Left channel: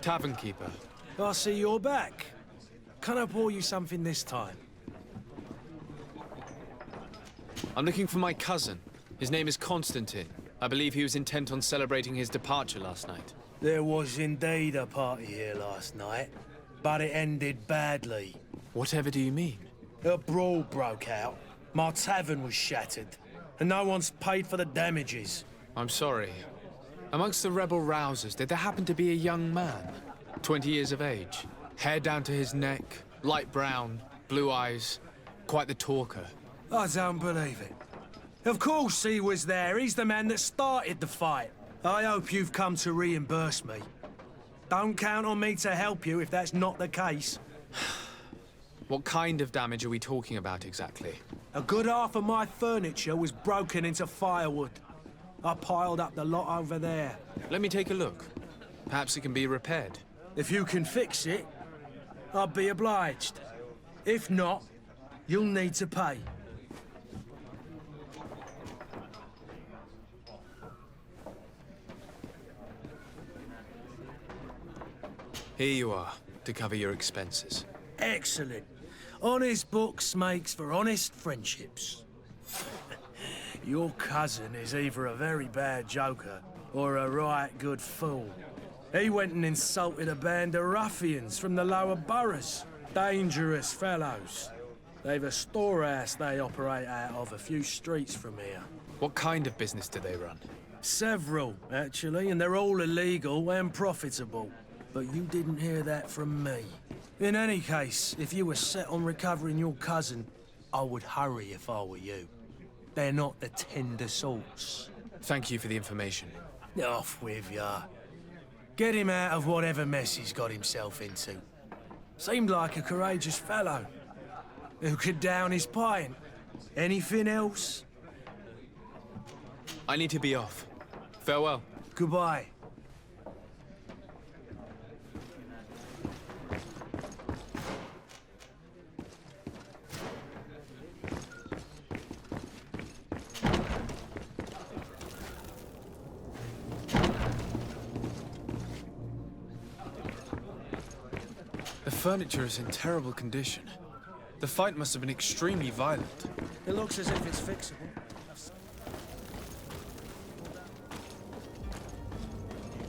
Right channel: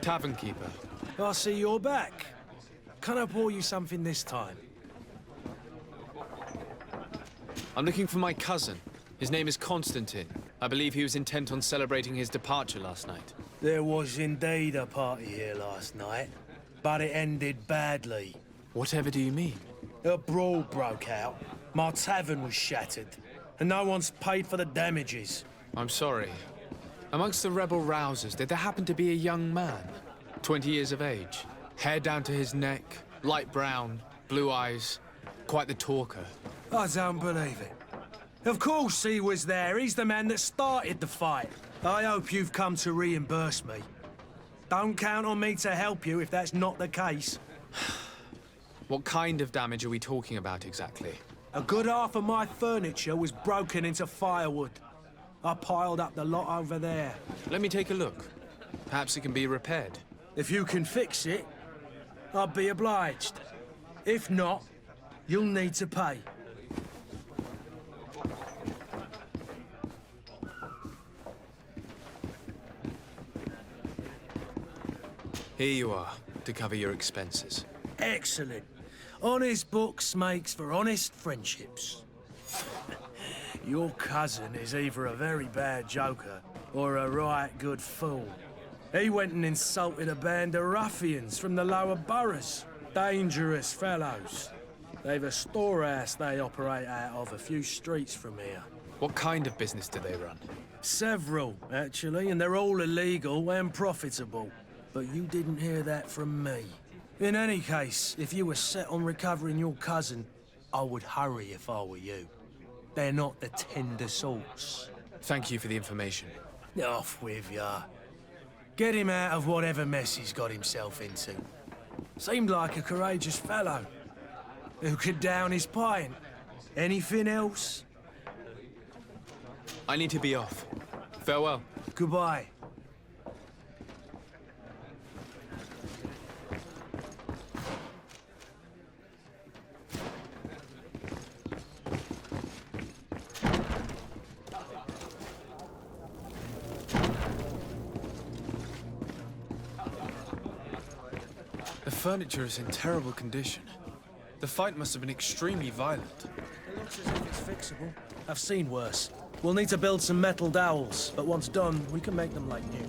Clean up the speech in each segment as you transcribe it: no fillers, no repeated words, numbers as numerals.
Tavern keeper. I see you're back. Can I pour you something this time? I'm looking for my cousin. His name is Constantin. I believe he was intent on celebrating his departure last night. There was indeed a party here last night, but it ended badly. Whatever do you mean? A brawl broke out. My tavern was shattered, and no one's paid for the damages. I'm sorry. Amongst the rebel rousers, did there happen to be a young man? 20 years of age, hair down to his neck, light brown, blue eyes, quite the talker. I don't believe it. Of course he was there. He's the man that started the fight. I hope you've come to reimburse me. Don't count on me to help you if that's not the case. What kind of damage are we talking about exactly? A good half of my furniture was broken into firewood. I piled up the lot over there. Let me take a look. Perhaps it can be repaired. If you can fix it, I'll be obliged. If not, you'll need to pay. Here you are, to cover your expenses. Excellent. Honest books makes for honest friendships. Your cousin is either a very bad joker or a right good fool. He went and insulted a band of ruffians from the lower boroughs. Dangerous fellows. They've a storehouse they operate out of a few streets from here. What kind of business do they run? Several, actually, and they're all illegal and profitable. But you didn't hear that from me. In any case, if you were set on recovering your cousin, I would hurry if I were you. They're not the tender sorts. Thank you for the information. Off with ya. Get him out of whatever mess he's got himself into. Seemed like a courageous fellow. Who could down his pint. Anything else? I need to be off. Farewell. Goodbye. The furniture is in terrible condition. The fight must have been extremely violent. It looks as if it's fixable. I've seen worse. We'll need to build some metal dowels, but once done, we can make them like new.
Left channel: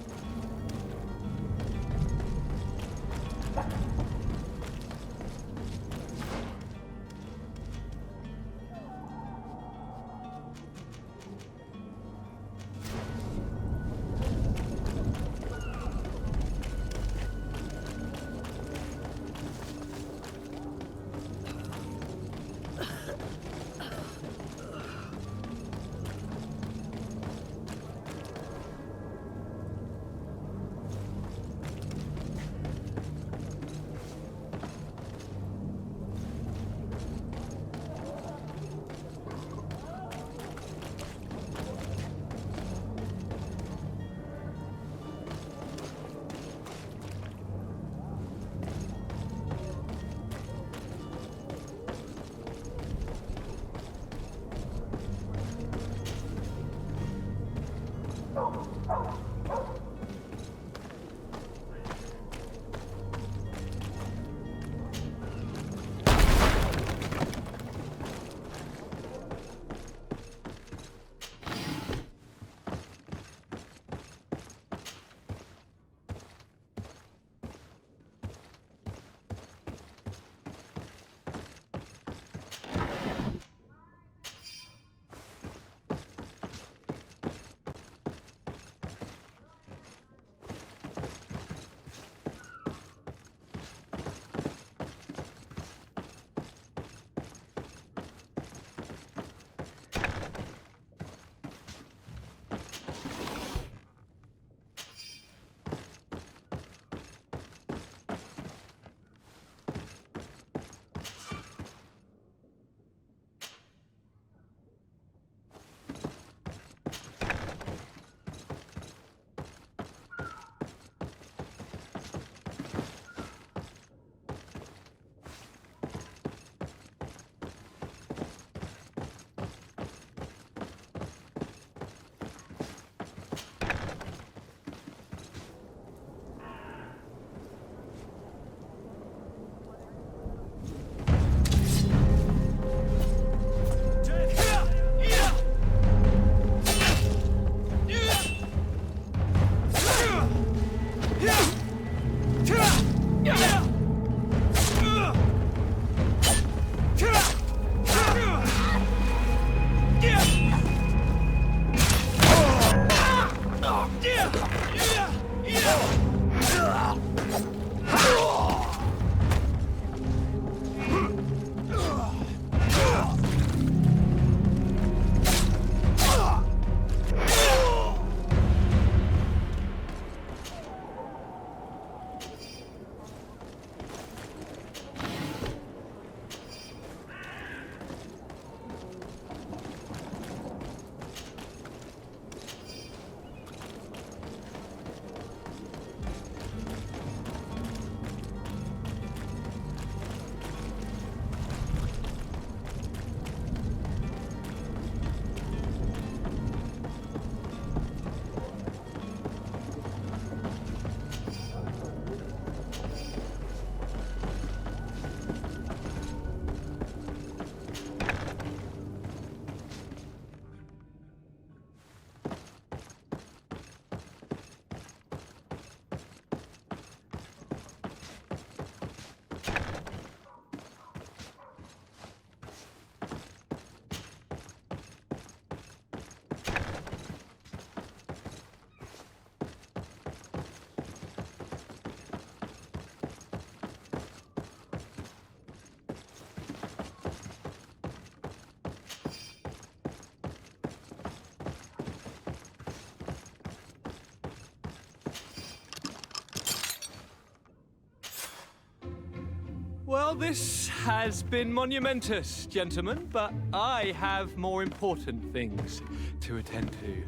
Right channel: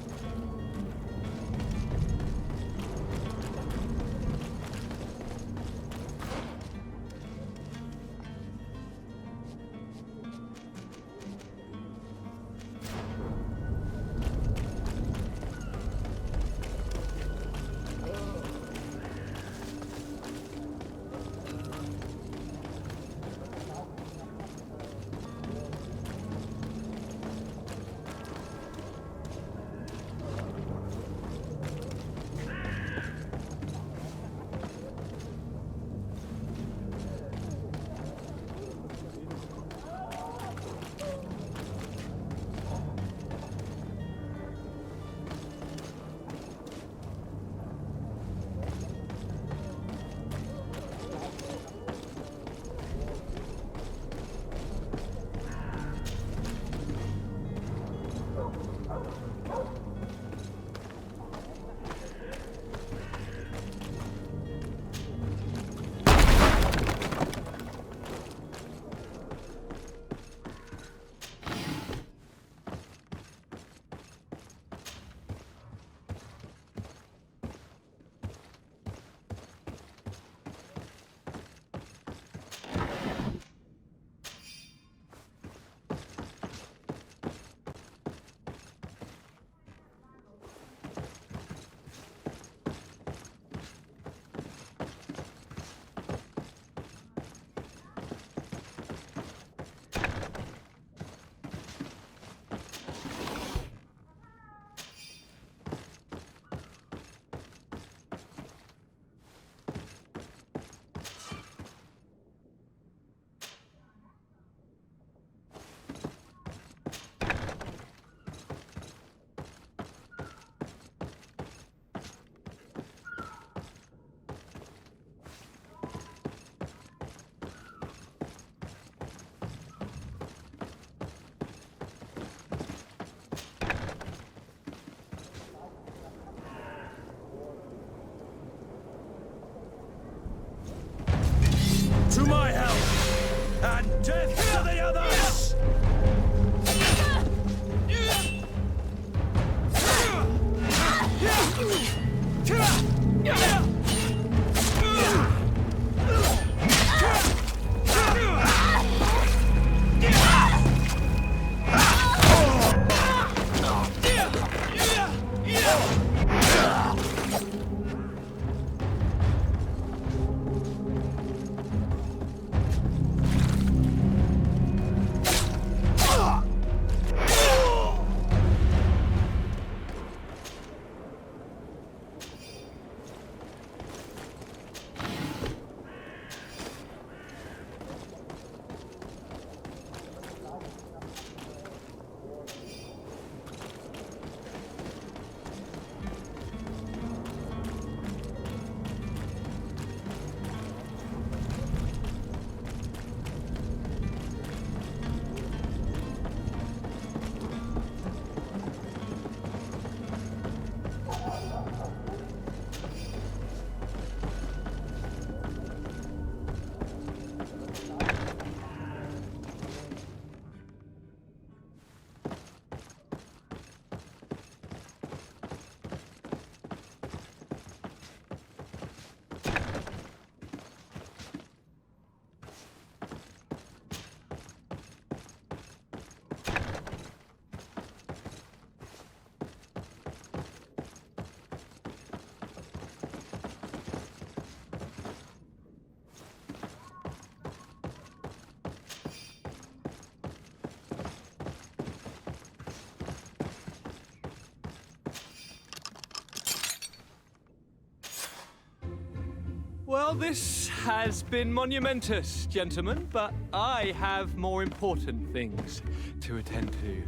Well, this has been monumentous, gentlemen, but I have more important things to attend to.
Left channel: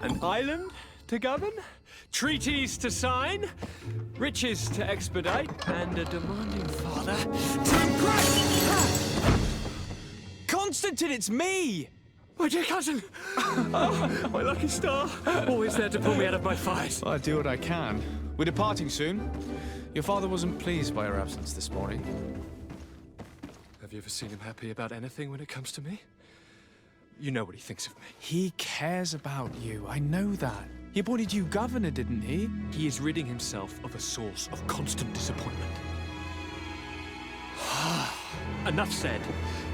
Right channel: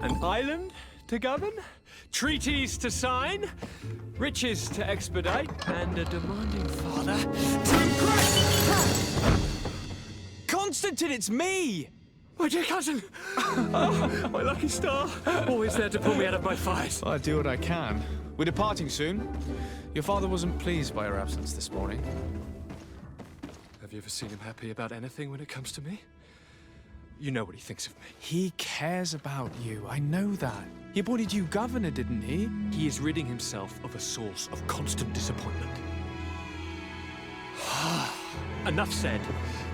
An island to govern, treaties to sign, riches to expedite, and a demanding father to impress! Constantin, it's me! My dear cousin! Oh, my lucky star! Always there to pull me out of my fight. I do what I can. We're departing soon. Your father wasn't pleased by your absence this morning. Have you ever seen him happy about anything when it comes to me? You know what he thinks of me. He cares about you, I know that. He appointed you governor, didn't he? He is ridding himself of a source of constant disappointment. Enough said.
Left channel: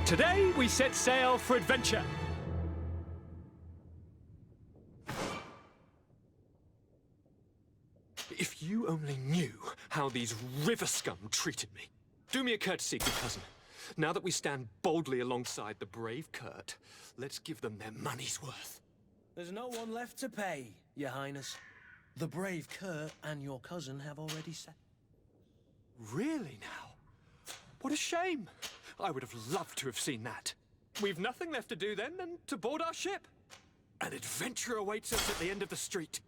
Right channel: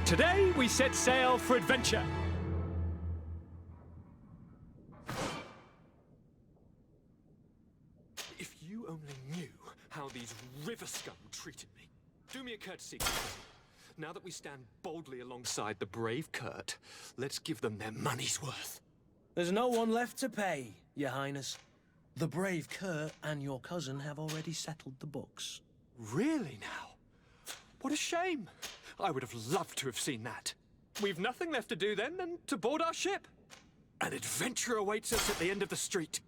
Today we set sail for adventure. If you only knew how these river scum treated me. Do me a courtesy, good cousin. Now that we stand boldly alongside the brave Kurt, let's give them their money's worth. There's no one left to pay, Your Highness. The brave Kurt and your cousin have already settled the books. Really now? What a shame. I would have loved to have seen that. We've nothing left to do then than to board our ship. An adventure awaits us at the end of the street.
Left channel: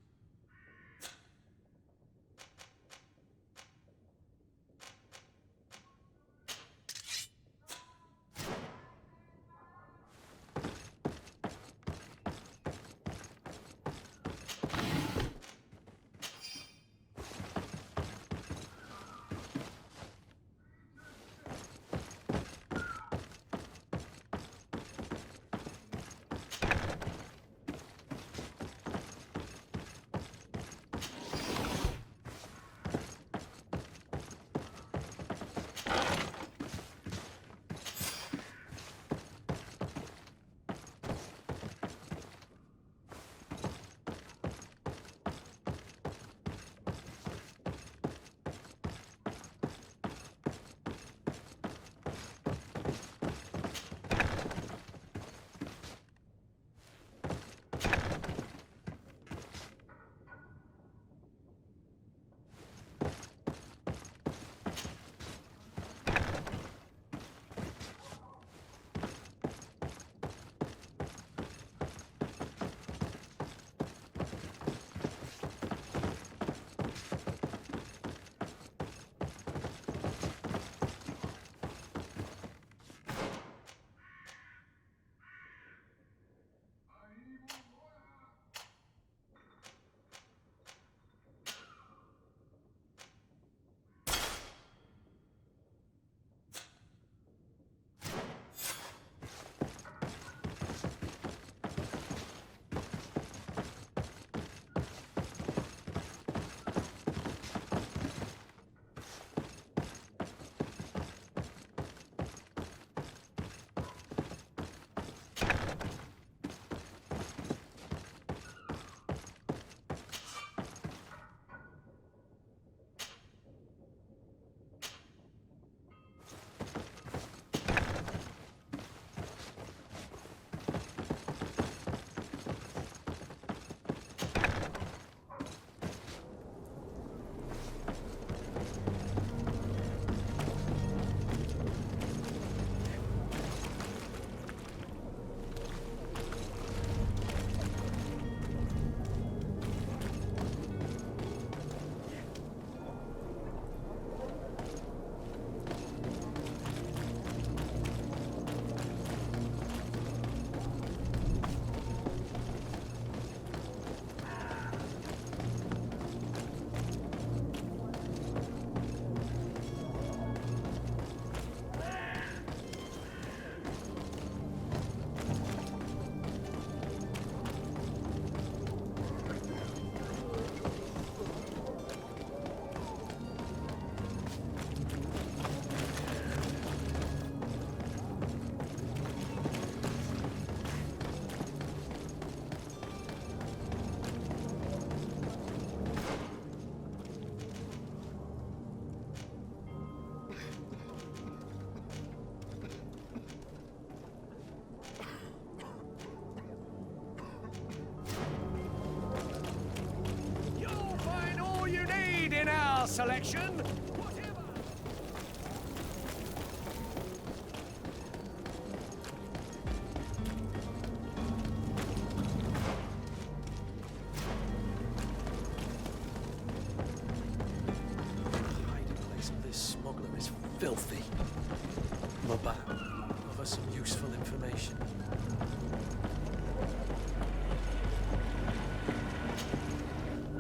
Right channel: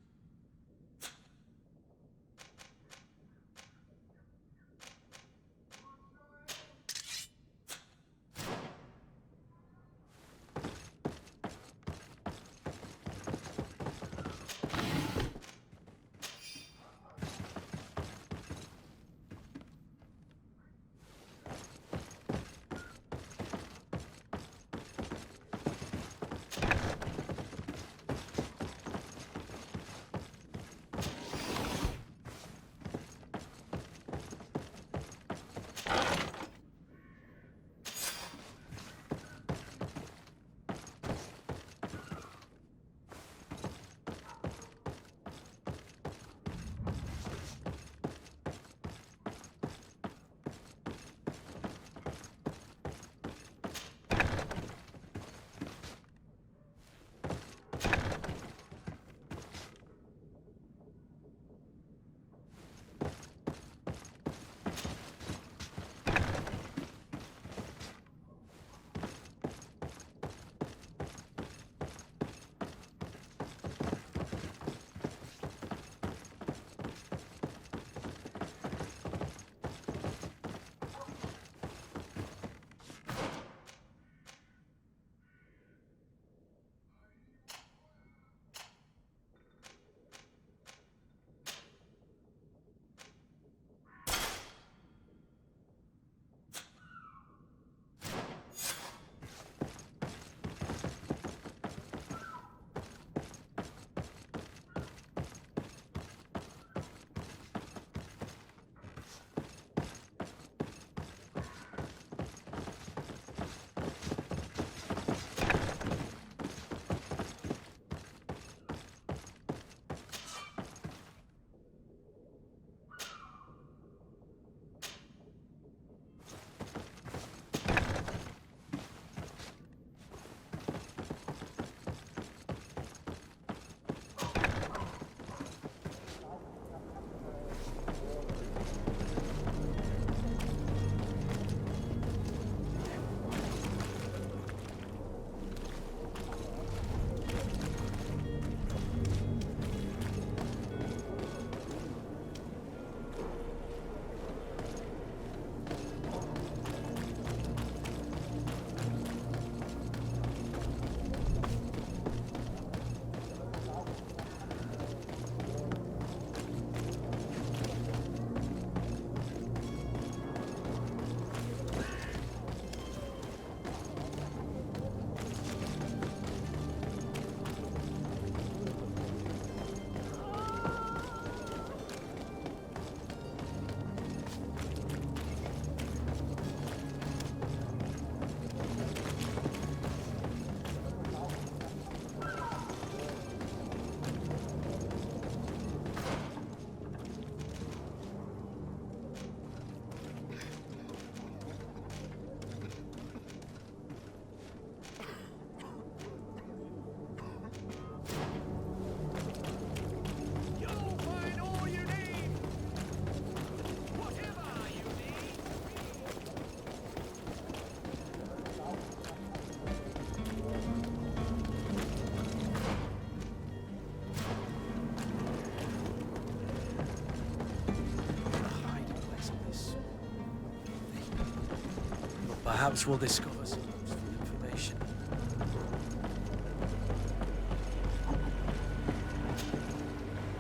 Nauts will discover some useful information.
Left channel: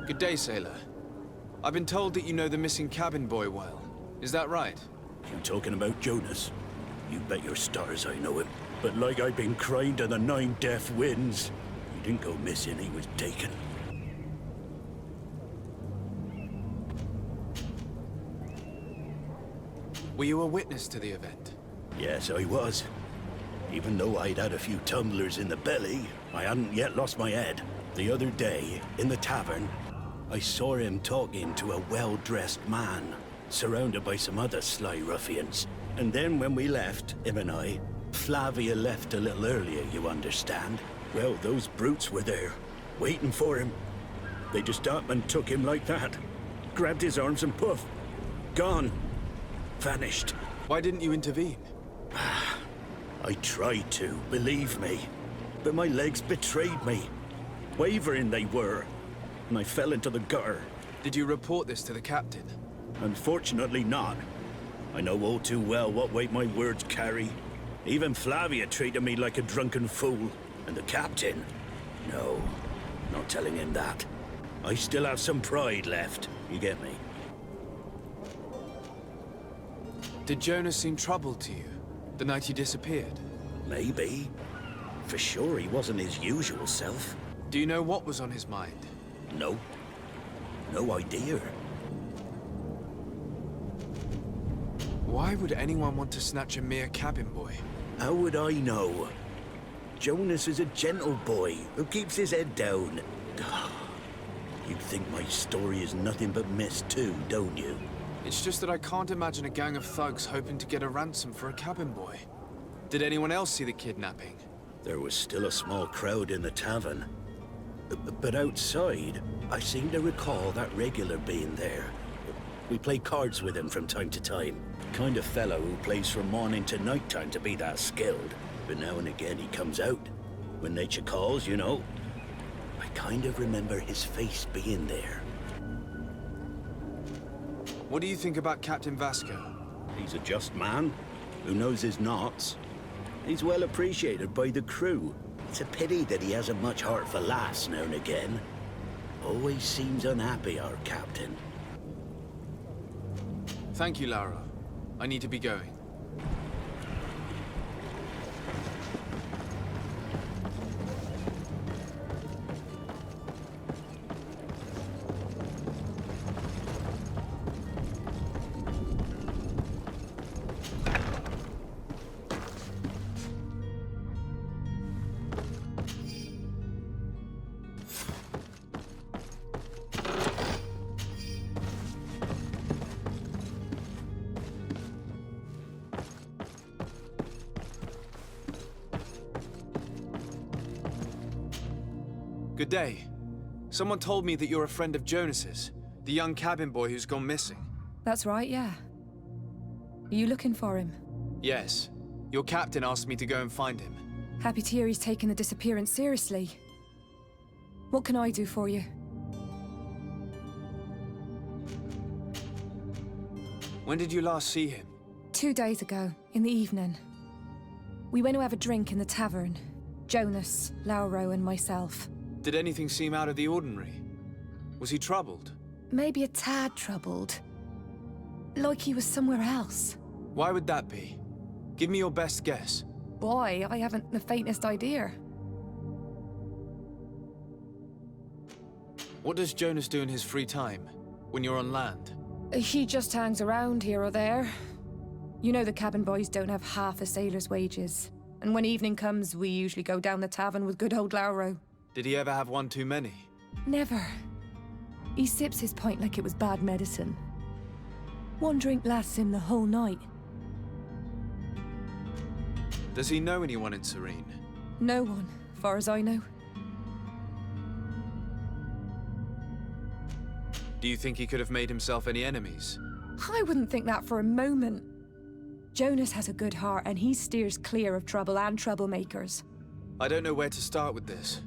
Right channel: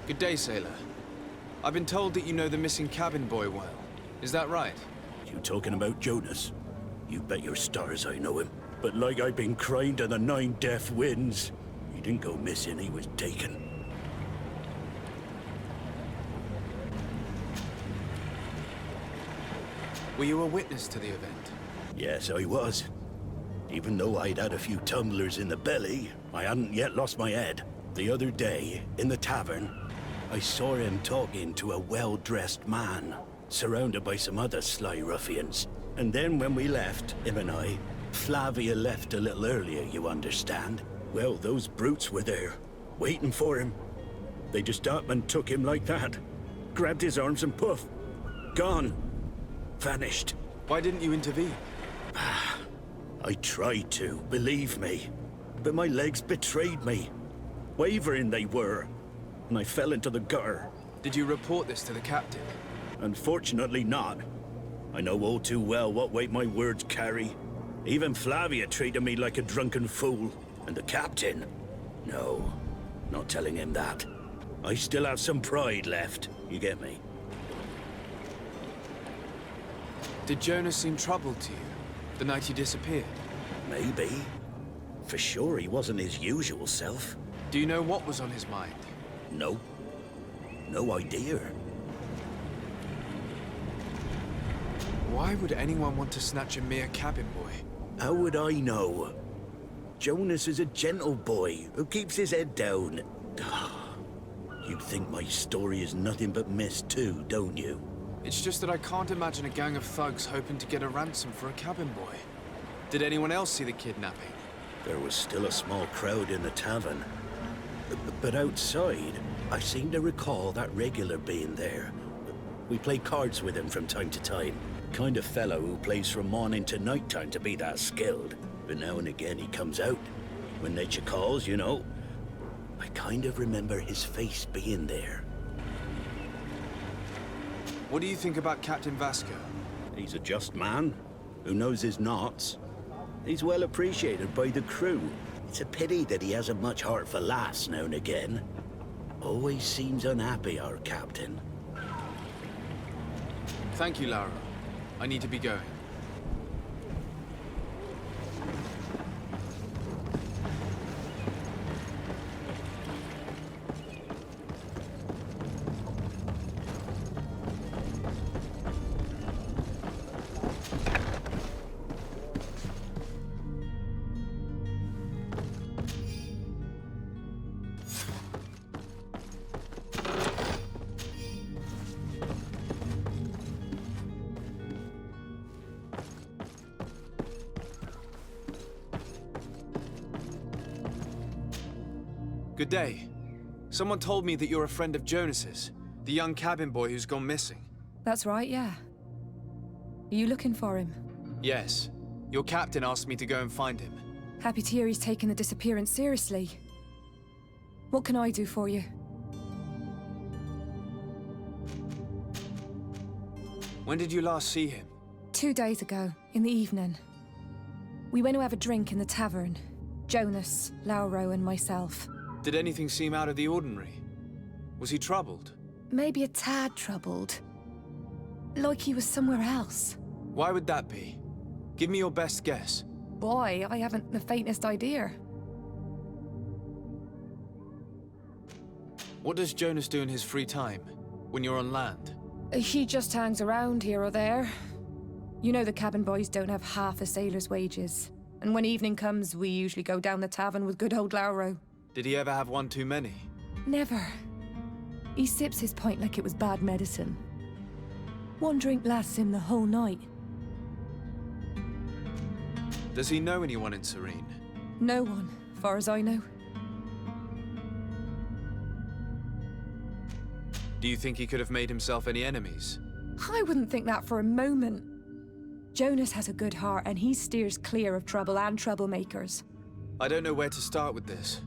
Good day, sailor. I've been told that you know the missing cabin boy well. Is that right? You talking about Jonas? You bet your stars I know him. But like I've been crying to the 9 deaf winds, he didn't go missing, he was taken. Were you a witness to the event? Yes, I was. Even though I'd had a few tumblers in the belly, I hadn't yet lost my head. The other day, in the tavern, I saw him talking to a well-dressed man, surrounded by some other sly ruffians. And then when we left, him and I, Flavia left a little earlier, you understand. Well, those brutes were there, waiting for him. They just up and took him like that. Grabbed his arms and poof, gone. Vanished. Why didn't you intervene? I tried to, believe me. But my legs betrayed me. Wavering they were, and I fell into the gutter. Did you report this to the captain? Unfortunately not. I know all too well what weight my words carry. Even Flavia treated me like a drunken fool. And the captain? No, not telling him that. I still have some pride left, you get me? Did Jonas seem troubled to you, the night he disappeared? Maybe. For sure he wasn't his usual self. Do you know what was on his mind? No. No idea. Why would anyone want to snatch a mere cabin boy? How would I know? Jonas is a gentle boy who keeps his head down. You think my story is nothing but mist too, don't you? It's just that I can't imagine a gang of thugs hoping to get a ransom for a cabin boy. Did anyone else see the kidnapping? There was still a small crowd in the tavern. But outside, I seem to recall that regular being there. We play cards with him from time to time. Kind of fellow who plays from morning to night time to be that skilled. But now and again he comes out. When nature calls, you know. I kind of remember his face being there. What do you think about Captain Vasco? He's a just man who knows his knots. He's well appreciated by the crew. It's a pity that he hasn't much heart for laughs now and again. Always seems unhappy, our captain. Thank you, Laura. I need to be going. Good day. Someone told me that you're a friend of Jonas's, the young cabin boy who's gone missing. That's right, yeah. Are you looking for him? Yes. Your captain asked me to go and find him. Happy to hear he's taken the disappearance seriously. What can I do for you? When did you last see him? 2 days ago, in the evening. We went to have a drink in the tavern. Jonas, Lauro, and myself. Did anything seem out of the ordinary? Was he troubled? Maybe a tad troubled. Like he was somewhere else. Why would that be? Give me your best guess. Boy, I haven't the faintest idea. What does Jonas do in his free time, when you're on land? He just hangs around here or there. You know the cabin boys don't have half a sailor's wages. And when evening comes, we usually go down the tavern with good old Lauro. Did he ever have one too many? Never. He sips his pint like it was bad medicine. One drink lasts him the whole night. Does he know anyone in Serene? No one, far as I know. Do you think he could have made himself any enemies? I wouldn't think that for a moment. Jonas has a good heart and he steers clear of trouble and troublemakers. I don't know where to start with this.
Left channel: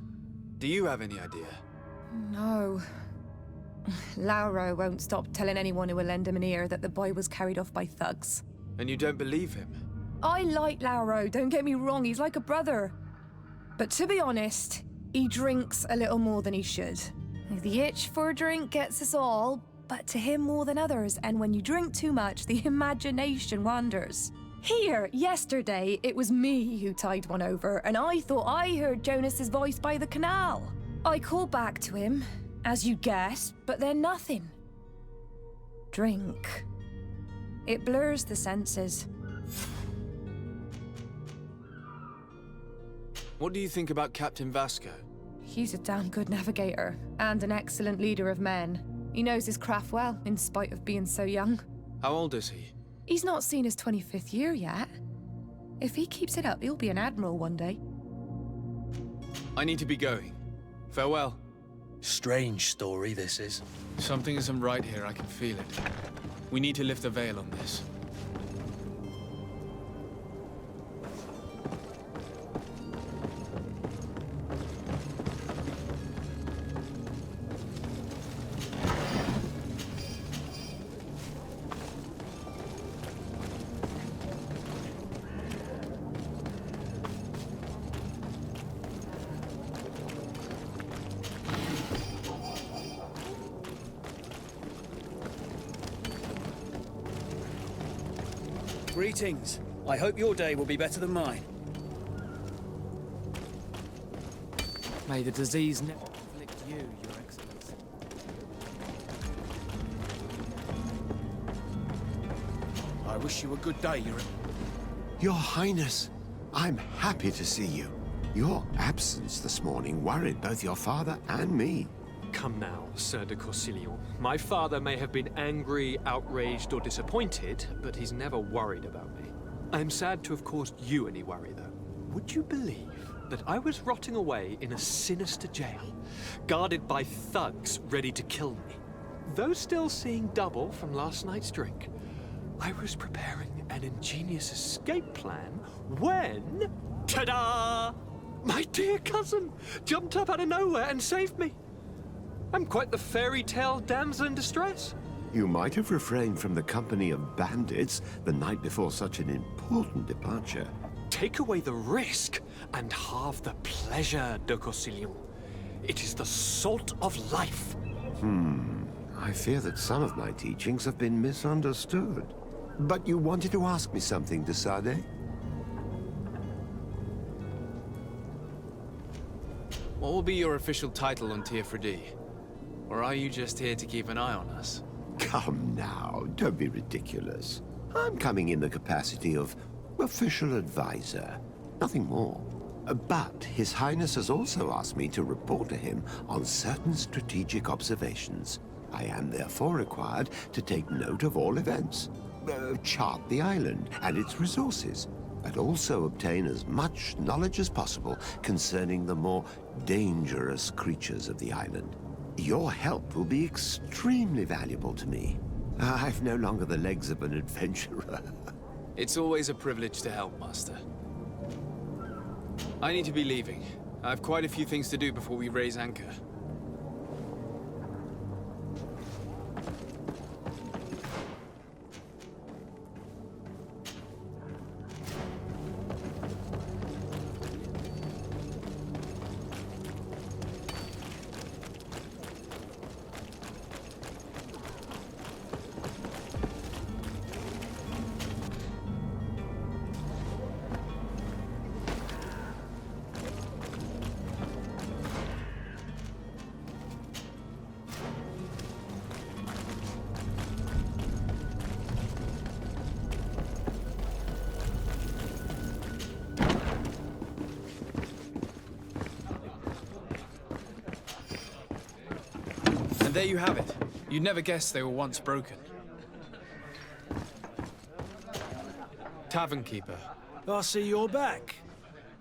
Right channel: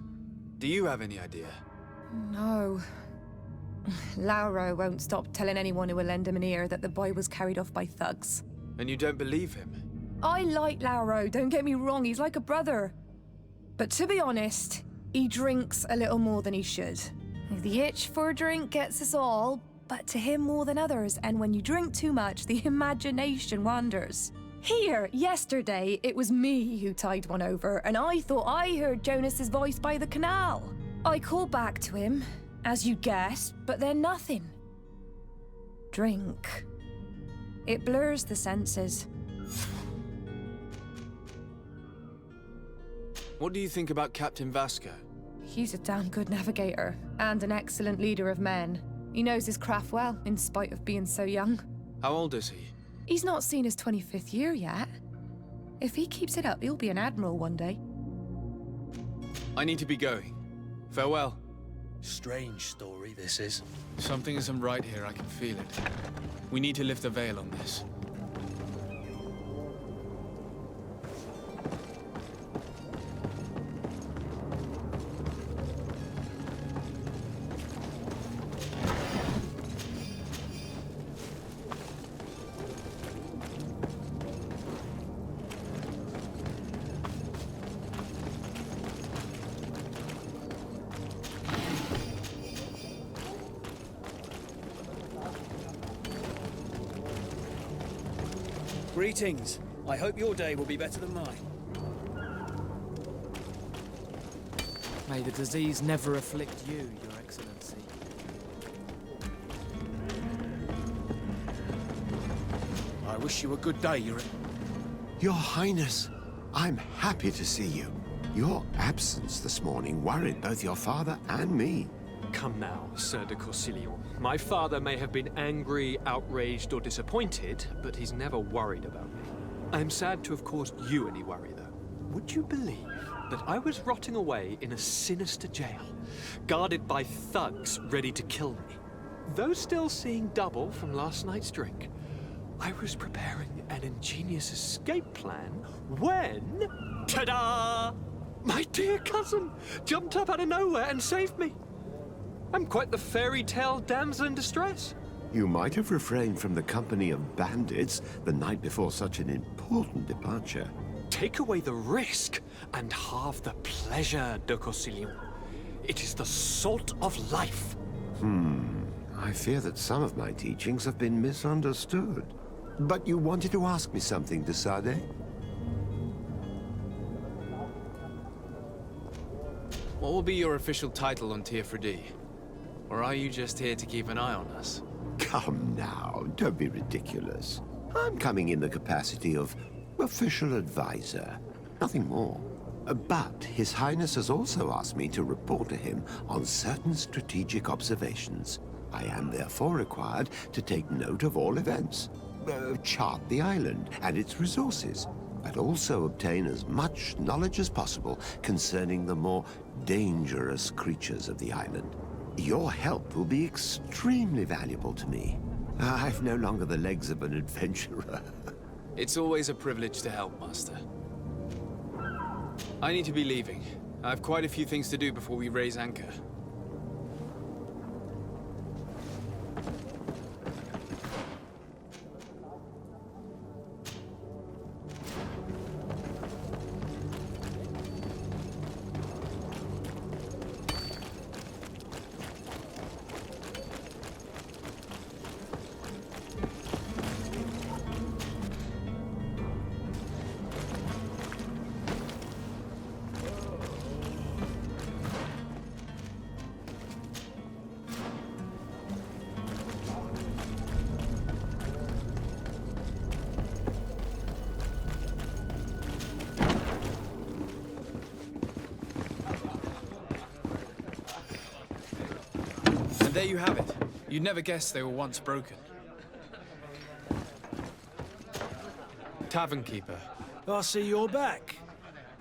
Do you have any idea? No. Lauro won't stop telling anyone who will lend him an ear that the boy was carried off by thugs. And you don't believe him? I like Lauro, don't get me wrong, he's like a brother. But to be honest, he drinks a little more than he should. The itch for a drink gets us all, but to him more than others, and when you drink too much, the imagination wanders. Here, yesterday, it was me who tied one over, and I thought I heard Jonas's voice by the canal. I called back to him, as you guessed, but then nothing. Drink. It blurs the senses. What do you think about Captain Vasco? He's a damn good navigator, and an excellent leader of men. He knows his craft well, in spite of being so young. How old is he? He's not seen his 25th year yet. If he keeps it up, he'll be an admiral one day. I need to be going. Farewell. Strange story, this is. Something isn't right here, I can feel it. We need to lift the veil on this. Greetings. I hope your day will be better than mine. May the disease never afflict you, Your Excellency. I wish you a good day, Your Highness, I'm happy to see you. Your absence this morning worried both your father and me. Come now, Sir de Corsilion. My father may have been angry, outraged, or disappointed, but he's never worried about me. I'm sad to have caused you any worry, though. Would you believe that I was rotting away in a sinister jail, guarded by thugs ready to kill me? Though still seeing double from last night's drink, I was preparing an ingenious escape plan when... ta-da! My dear cousin jumped up out of nowhere and saved me. I'm quite the fairy tale damsel in distress. You might have refrained from the company of bandits the night before such an important departure. Take away the risk and halve the pleasure, de Corsilion. It is the salt of life. I fear that some of my teachings have been misunderstood. But you wanted to ask me something, de Sade? What will be your official title on Teofredi? Or are you just here to keep an eye on us? Come now, don't be ridiculous. I'm coming in the capacity of official advisor, nothing more. But His Highness has also asked me to report to him on certain strategic observations. I am therefore required to take note of all events, chart the island and its resources, but also obtain as much knowledge as possible concerning the more dangerous creatures of the island. Your help will be extremely valuable to me. I've no longer the legs of an adventurer. It's always a privilege to help, Master. I need to be leaving. I have quite a few things to do before we raise anchor. And there you have it. You'd never guess they were once broken. Tavern keeper. I see you're back.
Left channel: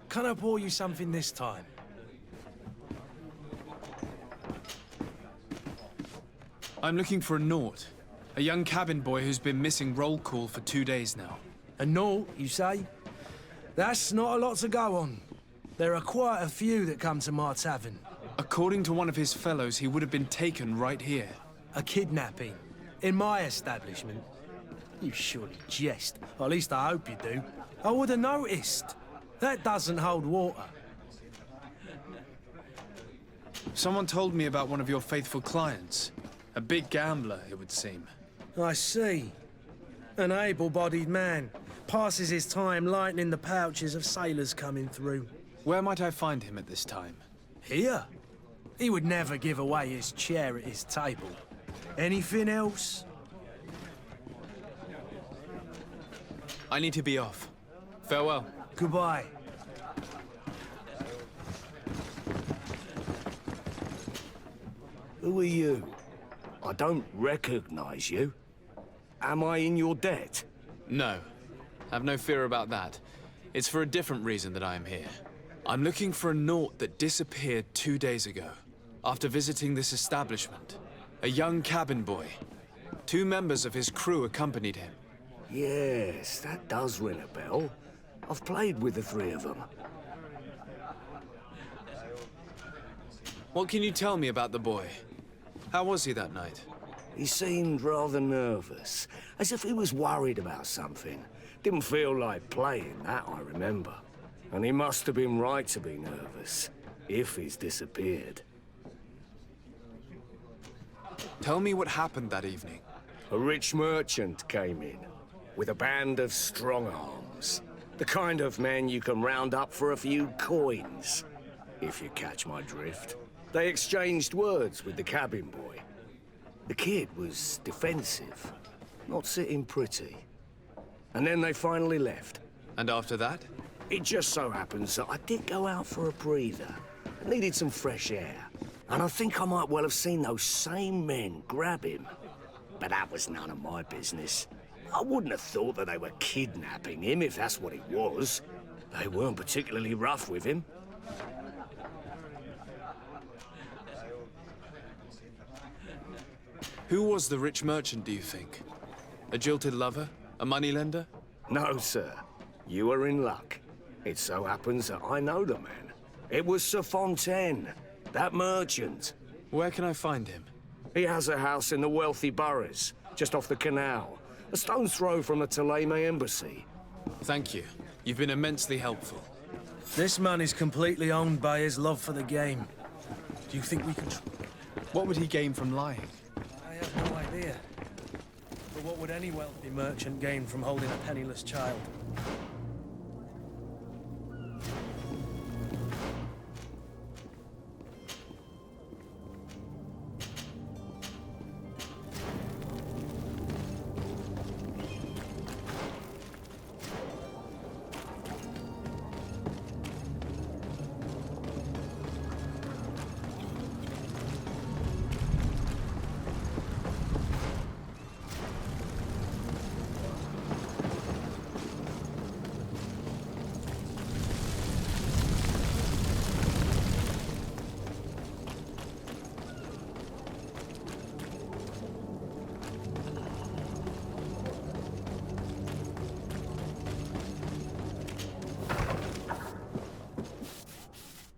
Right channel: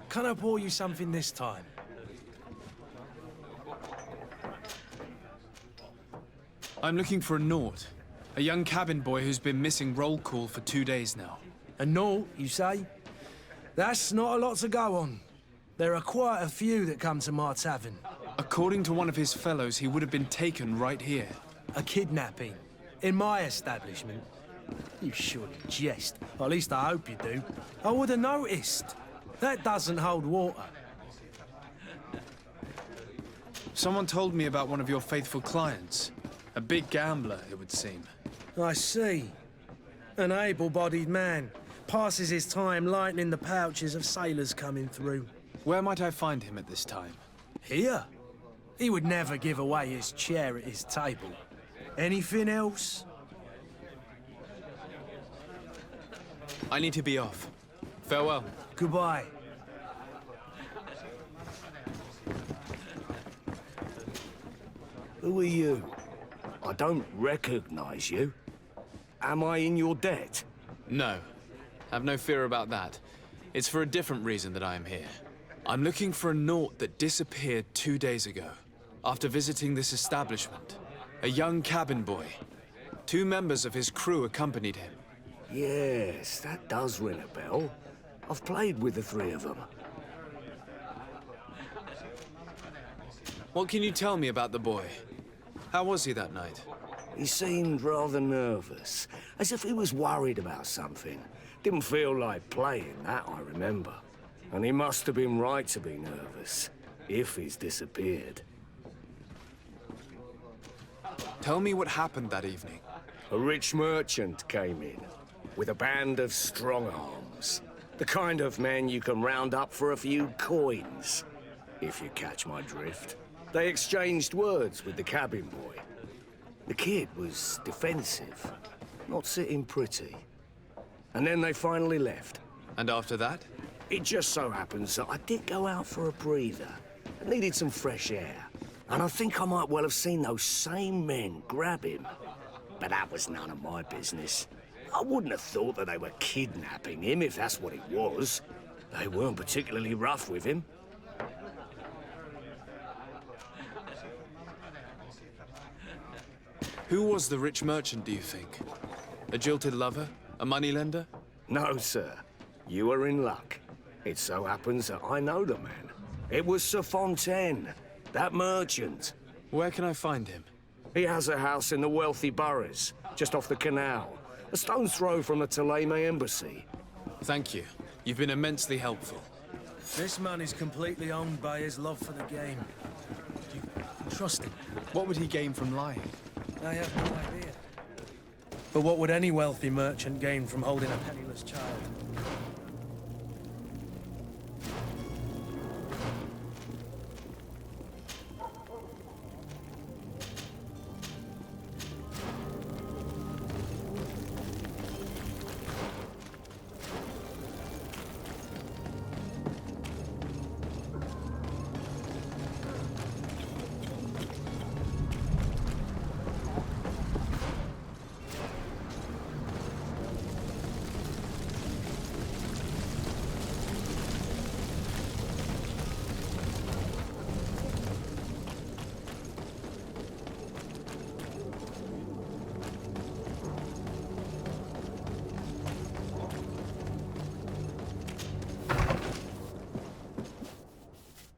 Can I pour you something this time? I'm looking for a Naut. A young cabin boy who's been missing roll call for 2 days now. A Naut, you say? That's not a lot to go on. There are quite a few that come to my tavern. According to one of his fellows, he would have been taken right here. A kidnapping. In my establishment. You surely jest. Or at least I hope you do. I would have noticed. That doesn't hold water. Someone told me about one of your faithful clients. A big gambler, it would seem. I see. An able-bodied man. Passes his time lightening the pouches of sailors coming through. Where might I find him at this time? Here? He would never give away his chair at his table. Anything else? I need to be off. Farewell. Goodbye. Who are you? I don't recognize you. Am I in your debt? No. Have no fear about that. It's for a different reason that I am here. I'm looking for a Naut that disappeared 2 days ago, after visiting this establishment. A young cabin boy. 2 members of his crew accompanied him. Yes, that does ring a bell. I've played with the 3 of them. What can you tell me about the boy? How was he that night? He seemed rather nervous, as if he was worried about something. Didn't feel like playing, that I remember. And he must have been right to be nervous, if he's disappeared. Tell me what happened that evening. A rich merchant came in, with a band of strong arms. The kind of men you can round up for a few coins, if you catch my drift. They exchanged words with the cabin boy. The kid was defensive, not sitting pretty. And then they finally left. And after that? It just so happens that I did go out for a breather. I needed some fresh air. And I think I might well have seen those same men grab him. But that was none of my business. I wouldn't have thought that they were kidnapping him, if that's what it was. They weren't particularly rough with him. Who was the rich merchant, do you think? A jilted lover? A moneylender? No, sir. You are in luck. It so happens that I know the man. It was Sir Fontaine, that merchant. Where can I find him? He has a house in the wealthy boroughs, just off the canal. A stone's throw from the Theleme embassy. Thank you. You've been immensely helpful. This man is completely owned by his love for the game. Do you think we can trust him? What would he gain from lying? I have no idea. But what would any wealthy merchant gain from holding a penniless child?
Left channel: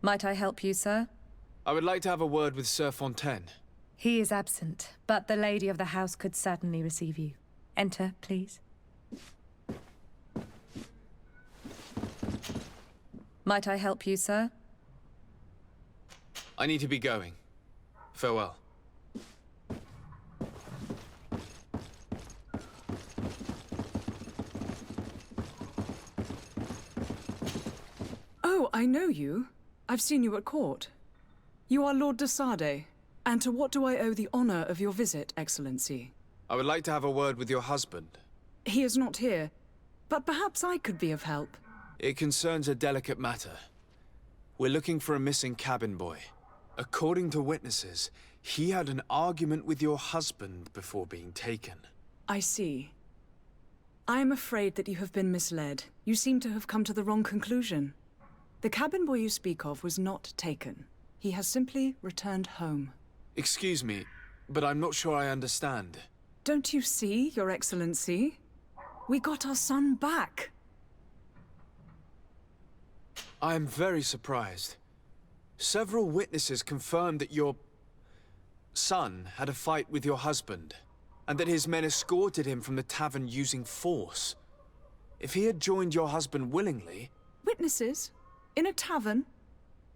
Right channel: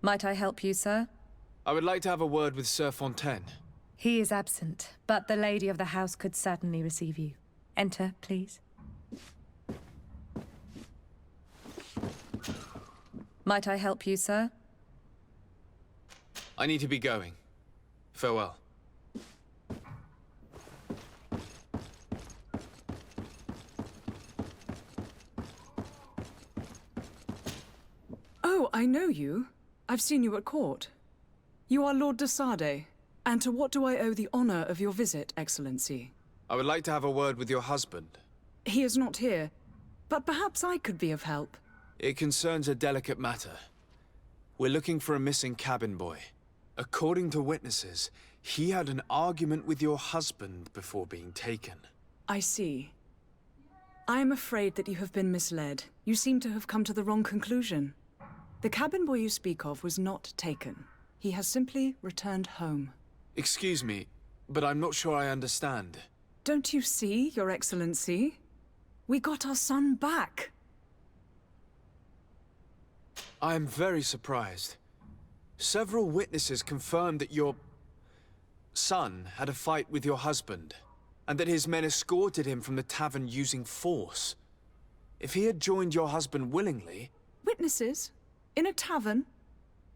Might I help you, sir? I would like to have a word with Sir Fontaine. He is absent, but the lady of the house could certainly receive you. Enter, please. Might I help you, sir? I need to be going. Farewell. Oh, I know you. I've seen you at court. You are Lord de Sade. And to what do I owe the honor of your visit, Excellency? I would like to have a word with your husband. He is not here, but perhaps I could be of help. It concerns a delicate matter. We're looking for a missing cabin boy. According to witnesses, he had an argument with your husband before being taken. I see. I am afraid that you have been misled. You seem to have come to the wrong conclusion. The cabin boy you speak of was not taken. He has simply returned home. Excuse me, but I'm not sure I understand. Don't you see, Your Excellency? We got our son back. I am very surprised. Several witnesses confirmed that your son had a fight with your husband. and that his men escorted him from the tavern using force. If he had joined your husband willingly... Witnesses? In a tavern?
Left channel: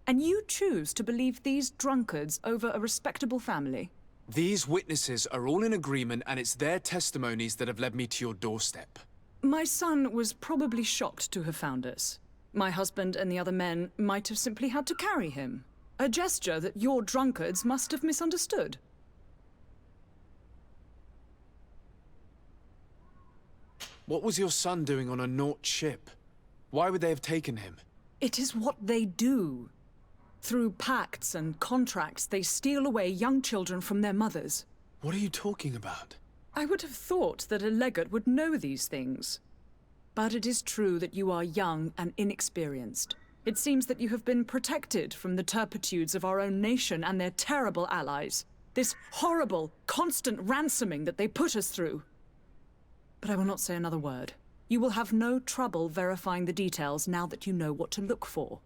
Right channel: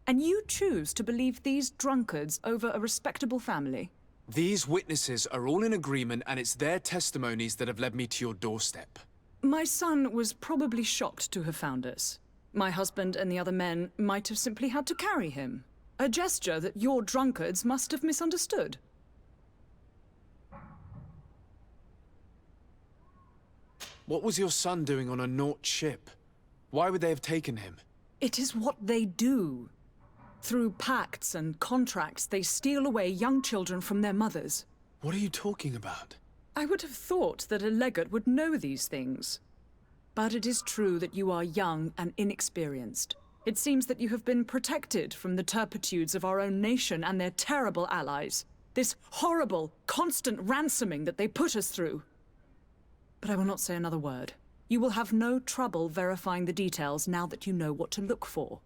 And you choose to believe these drunkards over a respectable family? These witnesses are all in agreement, and it's their testimonies that have led me to your doorstep. My son was probably shocked to have found us. My husband and the other men might have simply had to carry him. A gesture that your drunkards must have misunderstood. What was your son doing on a Nauts ship? Why would they have taken him? It is what they do. Through pacts and contracts, they steal away young children from their mothers. What are you talking about? I would have thought that a legate would know these things. But it is true that you are young and inexperienced. It seems that you have been protected from the turpitudes of our own nation and their terrible allies. This horrible, constant ransoming that they put us through. But I will not say another word. You will have no trouble verifying the details now that you know what to look for.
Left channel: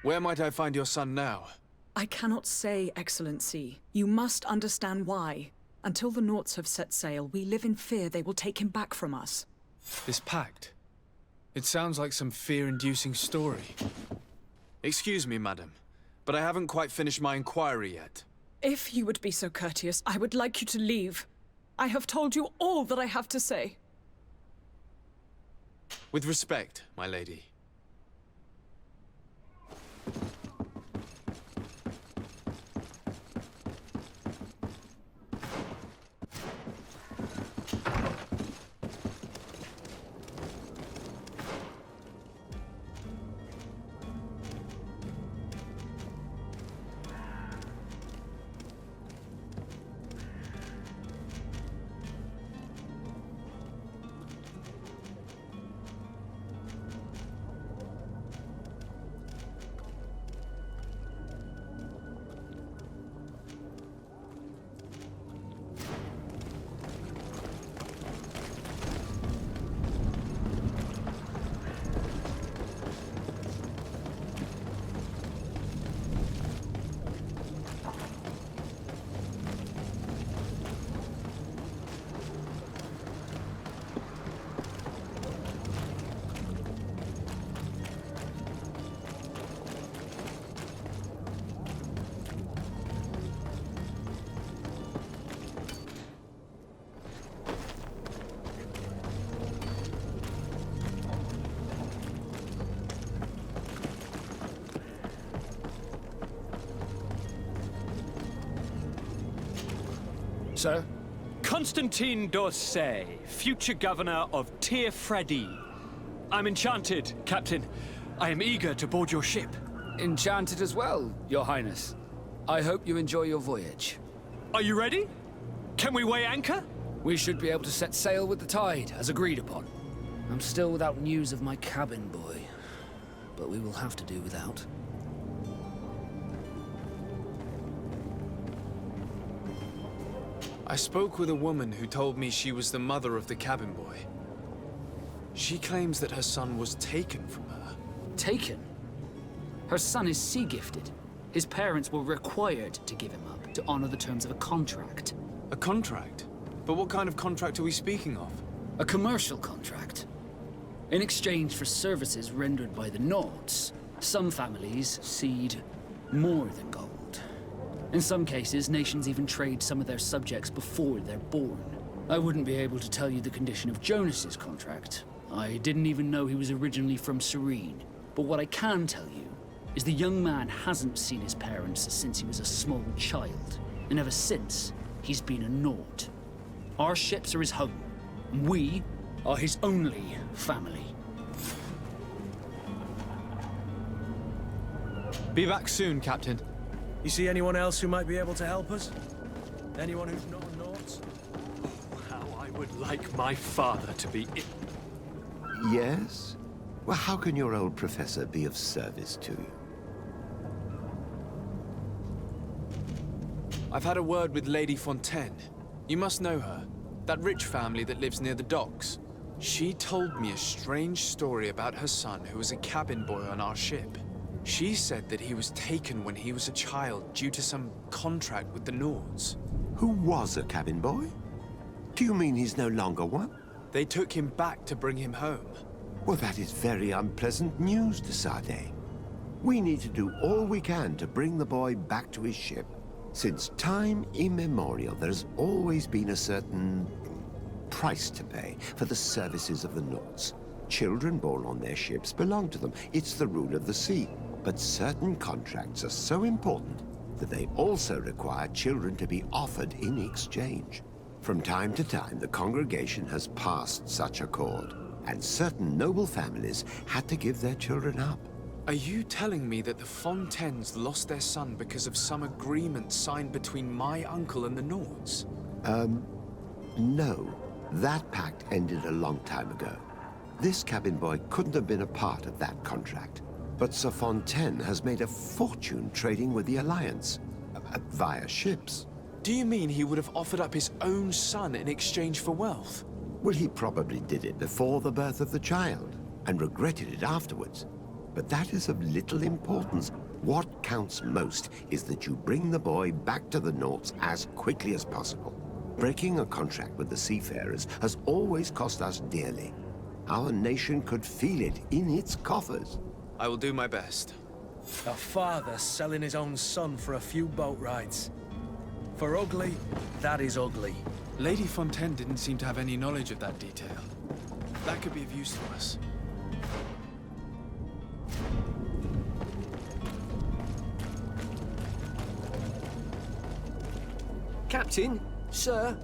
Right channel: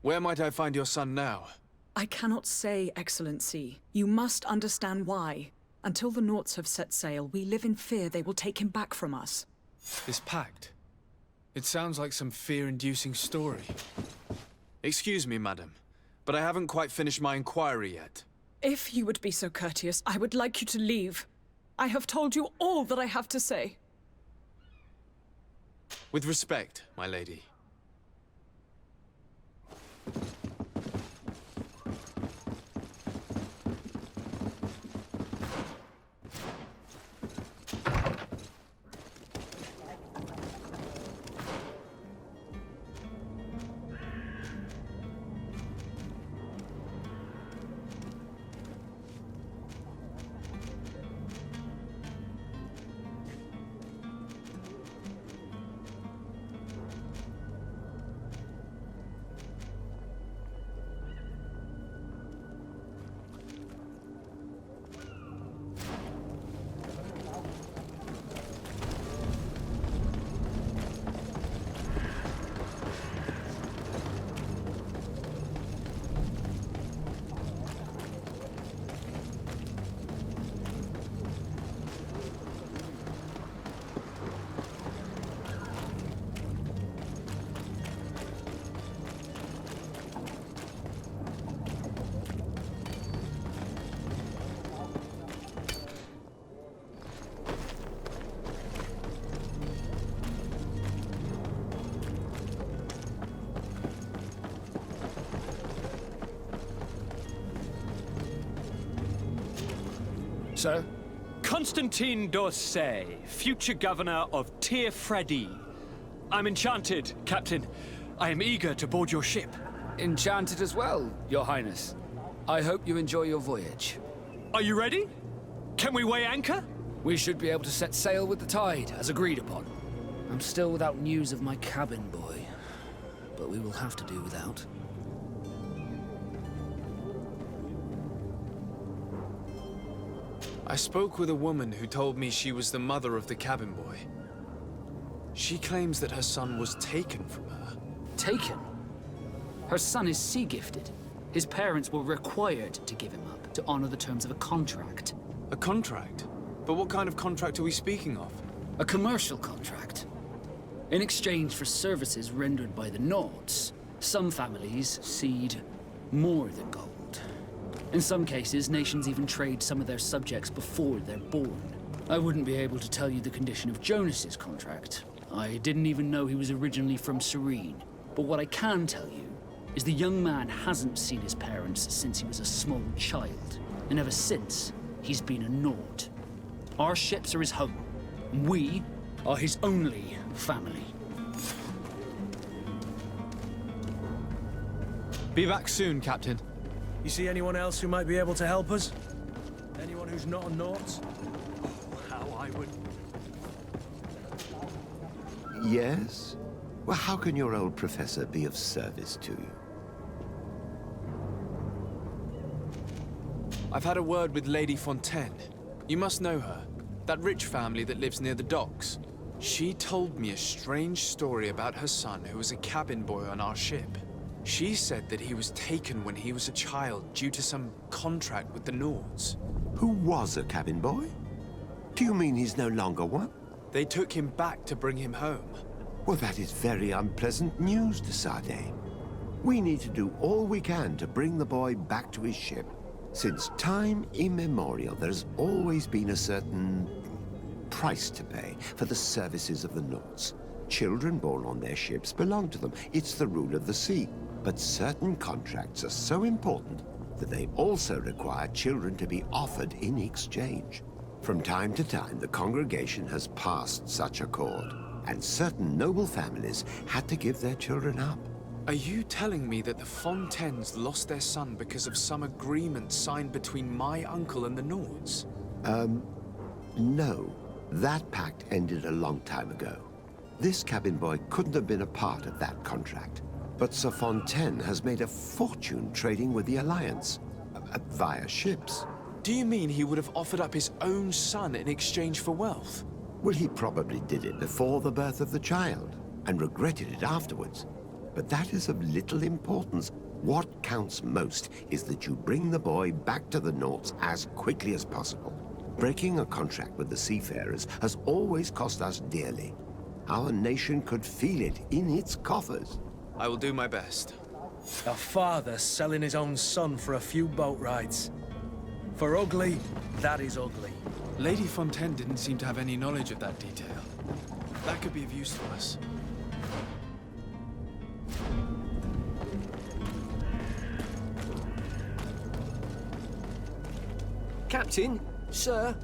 Where might I find your son now? I cannot say, Excellency. You must understand why. Until the Nauts have set sail, we live in fear they will take him back from us. This pact? It sounds like some fear-inducing story. Excuse me, madam, but I haven't quite finished my inquiry yet. If you would be so courteous, I would like you to leave. I have told you all that I have to say. With respect, my lady. Sir? Constantin d'Orsay, future governor of Tir Fredi. I'm enchanted, Captain. I am eager to board your ship. Enchanted as well, Your Highness. I hope you enjoy your voyage. Are you ready? Can we weigh anchor? We should be able to set sail with the tide, as agreed upon. I'm still without news of my cabin boy, but we will have to do without. I spoke with a woman who told me she was the mother of the cabin boy. She claims that her son was taken from her. Taken? Her son is sea-gifted. His parents were required to give him up to honor the terms of a contract. A contract? But what kind of contract are we speaking of? A commercial contract. In exchange for services rendered by the Nauts, some families cede more than gold. In some cases, nations even trade some of their subjects before they're born. I wouldn't be able to tell you the condition of Jonas's contract. I didn't even know he was originally from Serene. But what I can tell you is the young man hasn't seen his parents since he was a small child. And ever since, he's been a Naut. Our ships are his home. And we are his only family. Be back soon, Captain. You see anyone else who might be able to help us? Anyone who's not a Nauts? How I would like my father to be Yes? Well, how can your old professor be of service to you? I've had a word with Lady Fontaine. You must know her. That rich family that lives near the docks. She told me a strange story about her son who was a cabin boy on our ship. She said that he was taken when he was a child due to some contract with the Nauts. Who was a cabin boy? Do you mean he's no longer one? They took him back to bring him home. Well, that is very unpleasant news, de Sade. We need to do all we can to bring the boy back to his ship. Since time immemorial, there's always been a certain price to pay for the services of the Nauts. Children born on their ships belong to them. It's the rule of the sea. But certain contracts are so important that they also require children to be offered in exchange. From time to time, the congregation has passed such accord, and certain noble families had to give their children up. Are you telling me that the Fontaines lost their son because of some agreement signed between my uncle and the Nauts? No. That pact ended a long time ago. This cabin boy couldn't have been a part of that contract. But Sir Fontaine has made a fortune trading with the Alliance, via ships. Do you mean he would have offered up his own son in exchange for wealth? Well, he probably did it before the birth of the child, and regretted it afterwards. But that is of little importance. What counts most is that you bring the boy back to the Nauts as quickly as possible. Breaking a contract with the seafarers has always cost us dearly. Our nation could feel it in its coffers. I will do my best. A father selling his own son for a few boat rides. For ugly, that is ugly. Lady Fontaine didn't seem to have any knowledge of that detail. That could be of use to us. Captain, sir,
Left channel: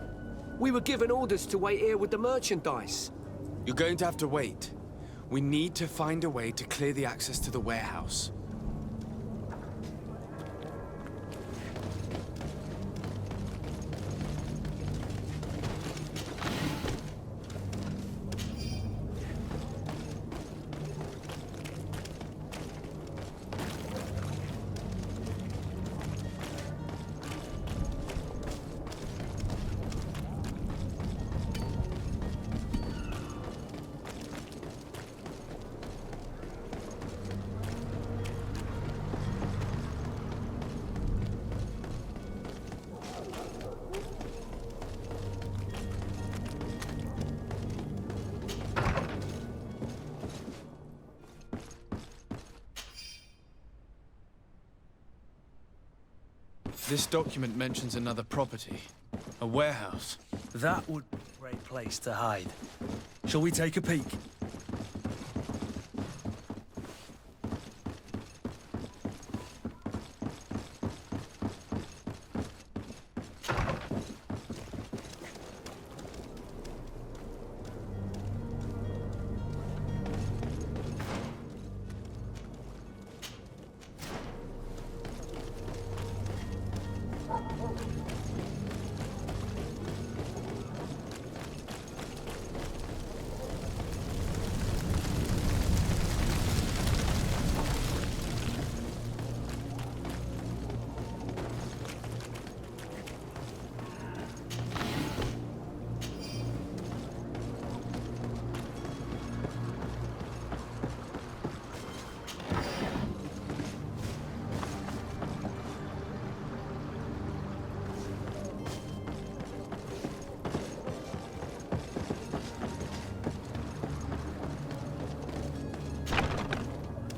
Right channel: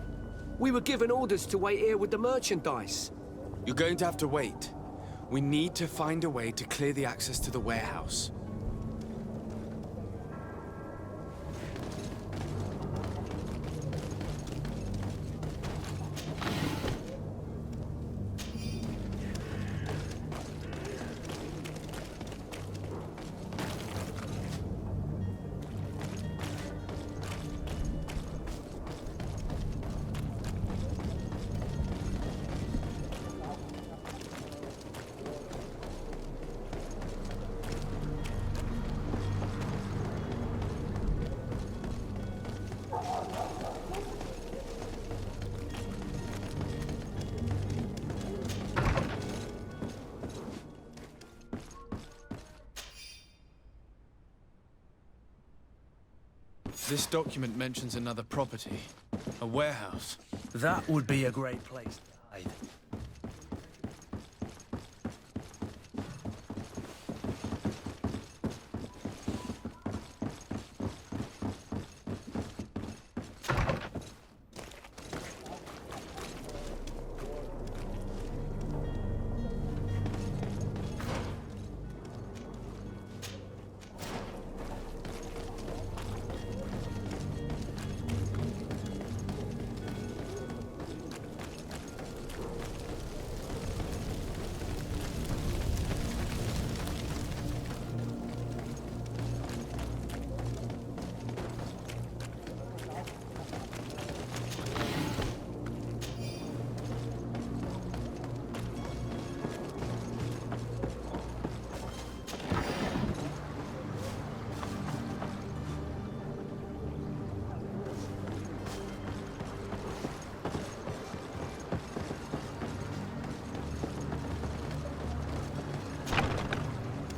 we were given orders to wait here with the merchandise. You're going to have to wait. We need to find a way to clear the access to the warehouse. This document mentions another property. A warehouse. That would be a great place to hide. Shall we take a peek?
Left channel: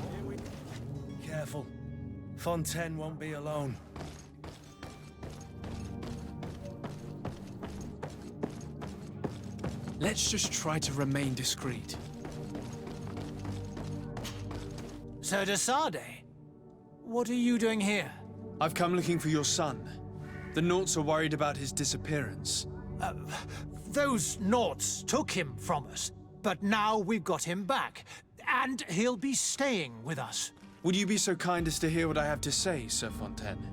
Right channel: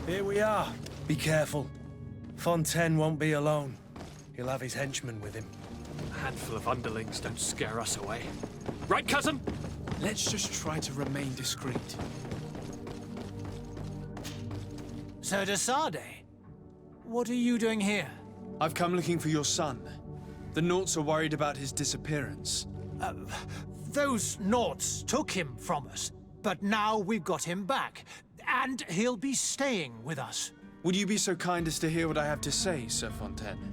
Here we are. Be careful. Fontaine won't be alone. He'll have his henchmen with him. A handful of underlings don't scare us away. Right, cousin? Let's just try to remain discreet. Sir de Sade, what are you doing here? I've come looking for your son. The Nauts are worried about his disappearance. Those Nauts took him from us, but now we've got him back, and he'll be staying with us. Would you be so kind as to hear what I have to say, Sir Fontaine?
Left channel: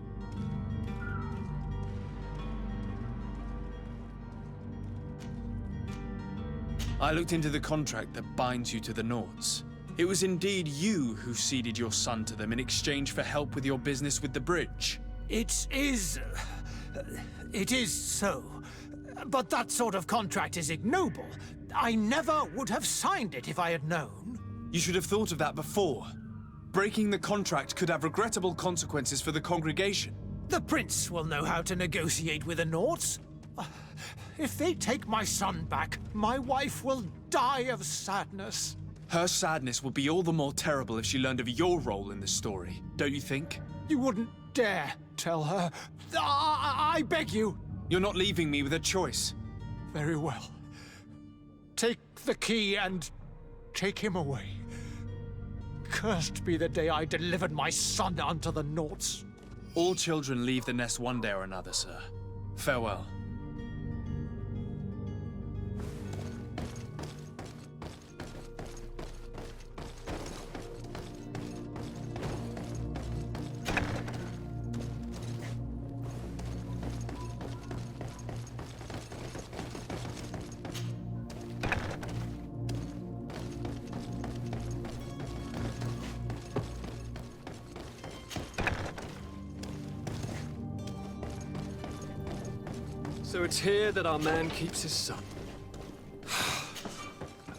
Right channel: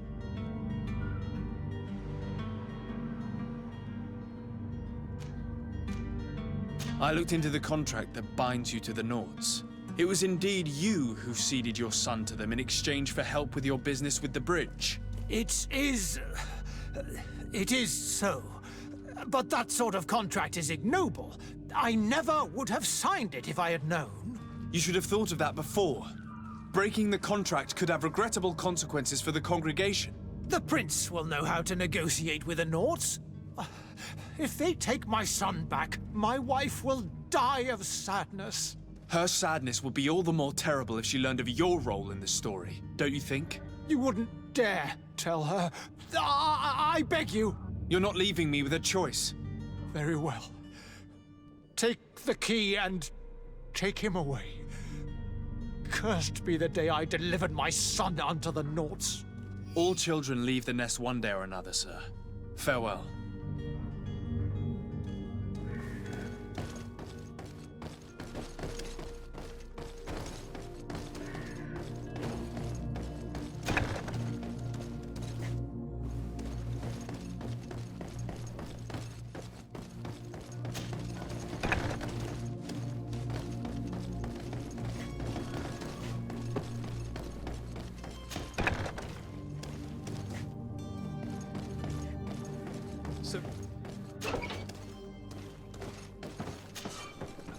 I looked into the contract that binds you to the Nauts. It was indeed you who ceded your son to them in exchange for help with your business with the bridge. It is so. But that sort of contract is ignoble. I never would have signed it if I had known. You should have thought of that before. Breaking the contract could have regrettable consequences for the congregation. The prince will know how to negotiate with the Nauts. If they take my son back, my wife will die of sadness. Her sadness would be all the more terrible if she learned of your role in the story, don't you think? You wouldn't dare tell her. I beg you. You're not leaving me with a choice. Very well. Take the key and take him away. Cursed be the day I delivered my son unto the Nauts. All children leave the nest one day or another, sir. Farewell. So it's here that our man keeps his son.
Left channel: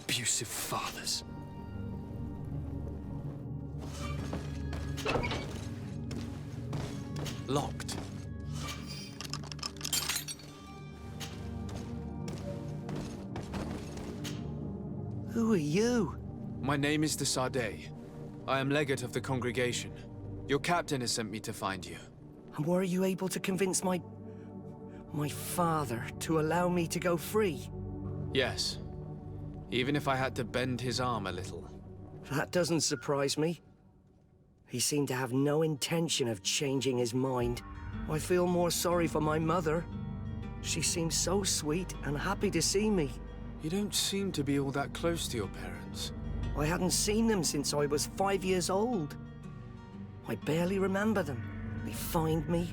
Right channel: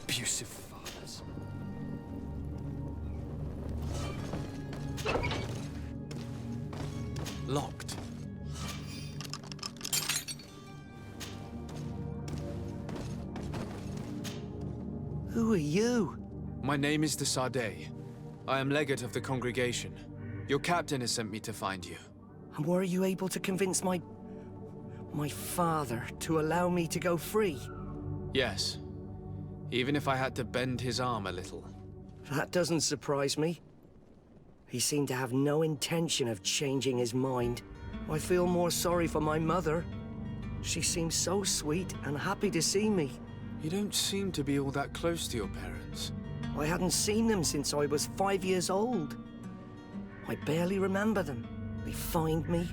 Abusive fathers. Locked. Who are you? My name is de Sardet. I am legate of the congregation. Your captain has sent me to find you. And were you able to convince my father to allow me to go free? Yes. Even if I had to bend his arm a little. That doesn't surprise me. He seemed to have no intention of changing his mind. I feel more sorry for my mother. She seems so sweet and happy to see me. You don't seem to be all that close to your parents. I hadn't seen them since I was 5 years old. I barely remember them. They find me,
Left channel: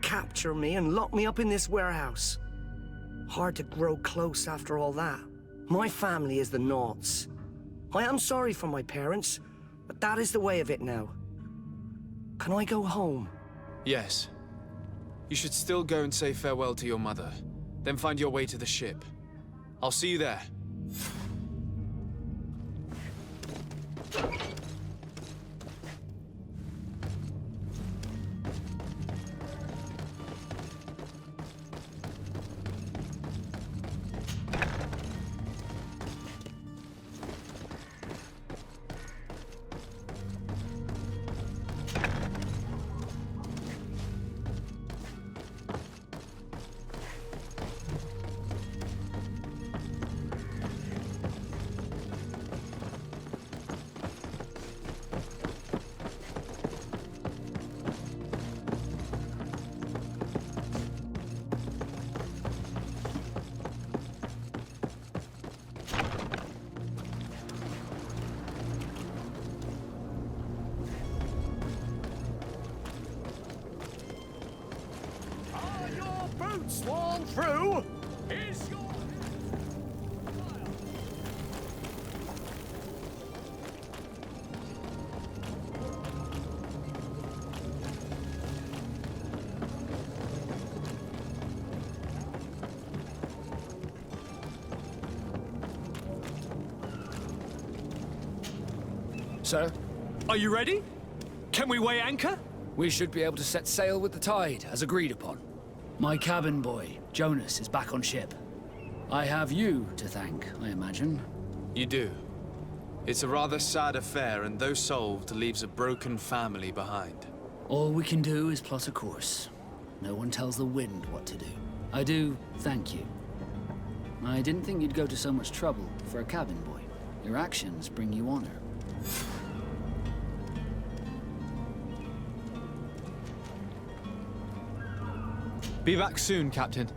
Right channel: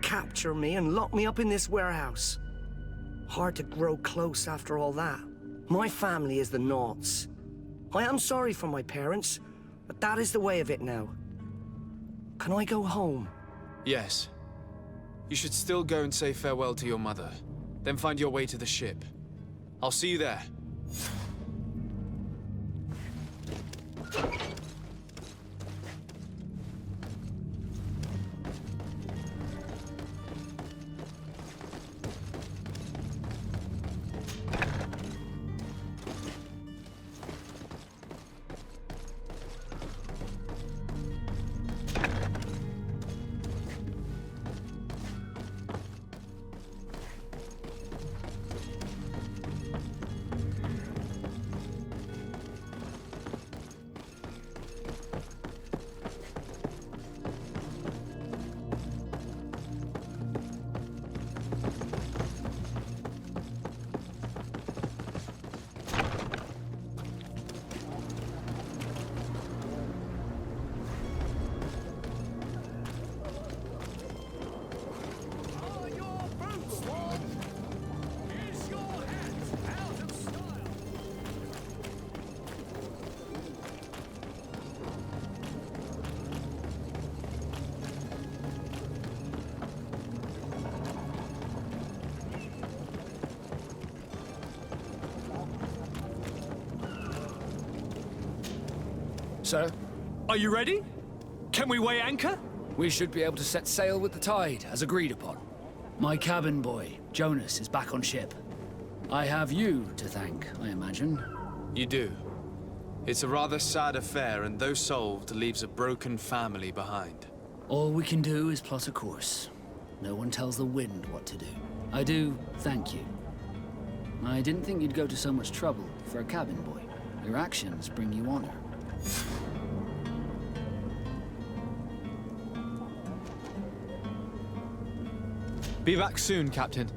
capture me, and lock me up in this warehouse. Hard to grow close after all that. My family is the Nauts. I am sorry for my parents, but that is the way of it now. Can I go home? Yes. You should still go and say farewell to your mother. Then find your way to the ship. I'll see you there. Sworn through? Is your hat out of style? Sir, Are you ready? Can we weigh anchor? we should be able to set sail with the tide, as agreed upon. My cabin boy, Jonas, is back on ship. I have you to thank, I imagine. You do. It's a rather sad affair, and though solved, leaves a broken family behind. All we can do is plot a course. No one tells the wind what to do. I do thank you. I didn't think you'd go to so much trouble for a cabin boy. Your actions bring you honor. Be back soon, Captain.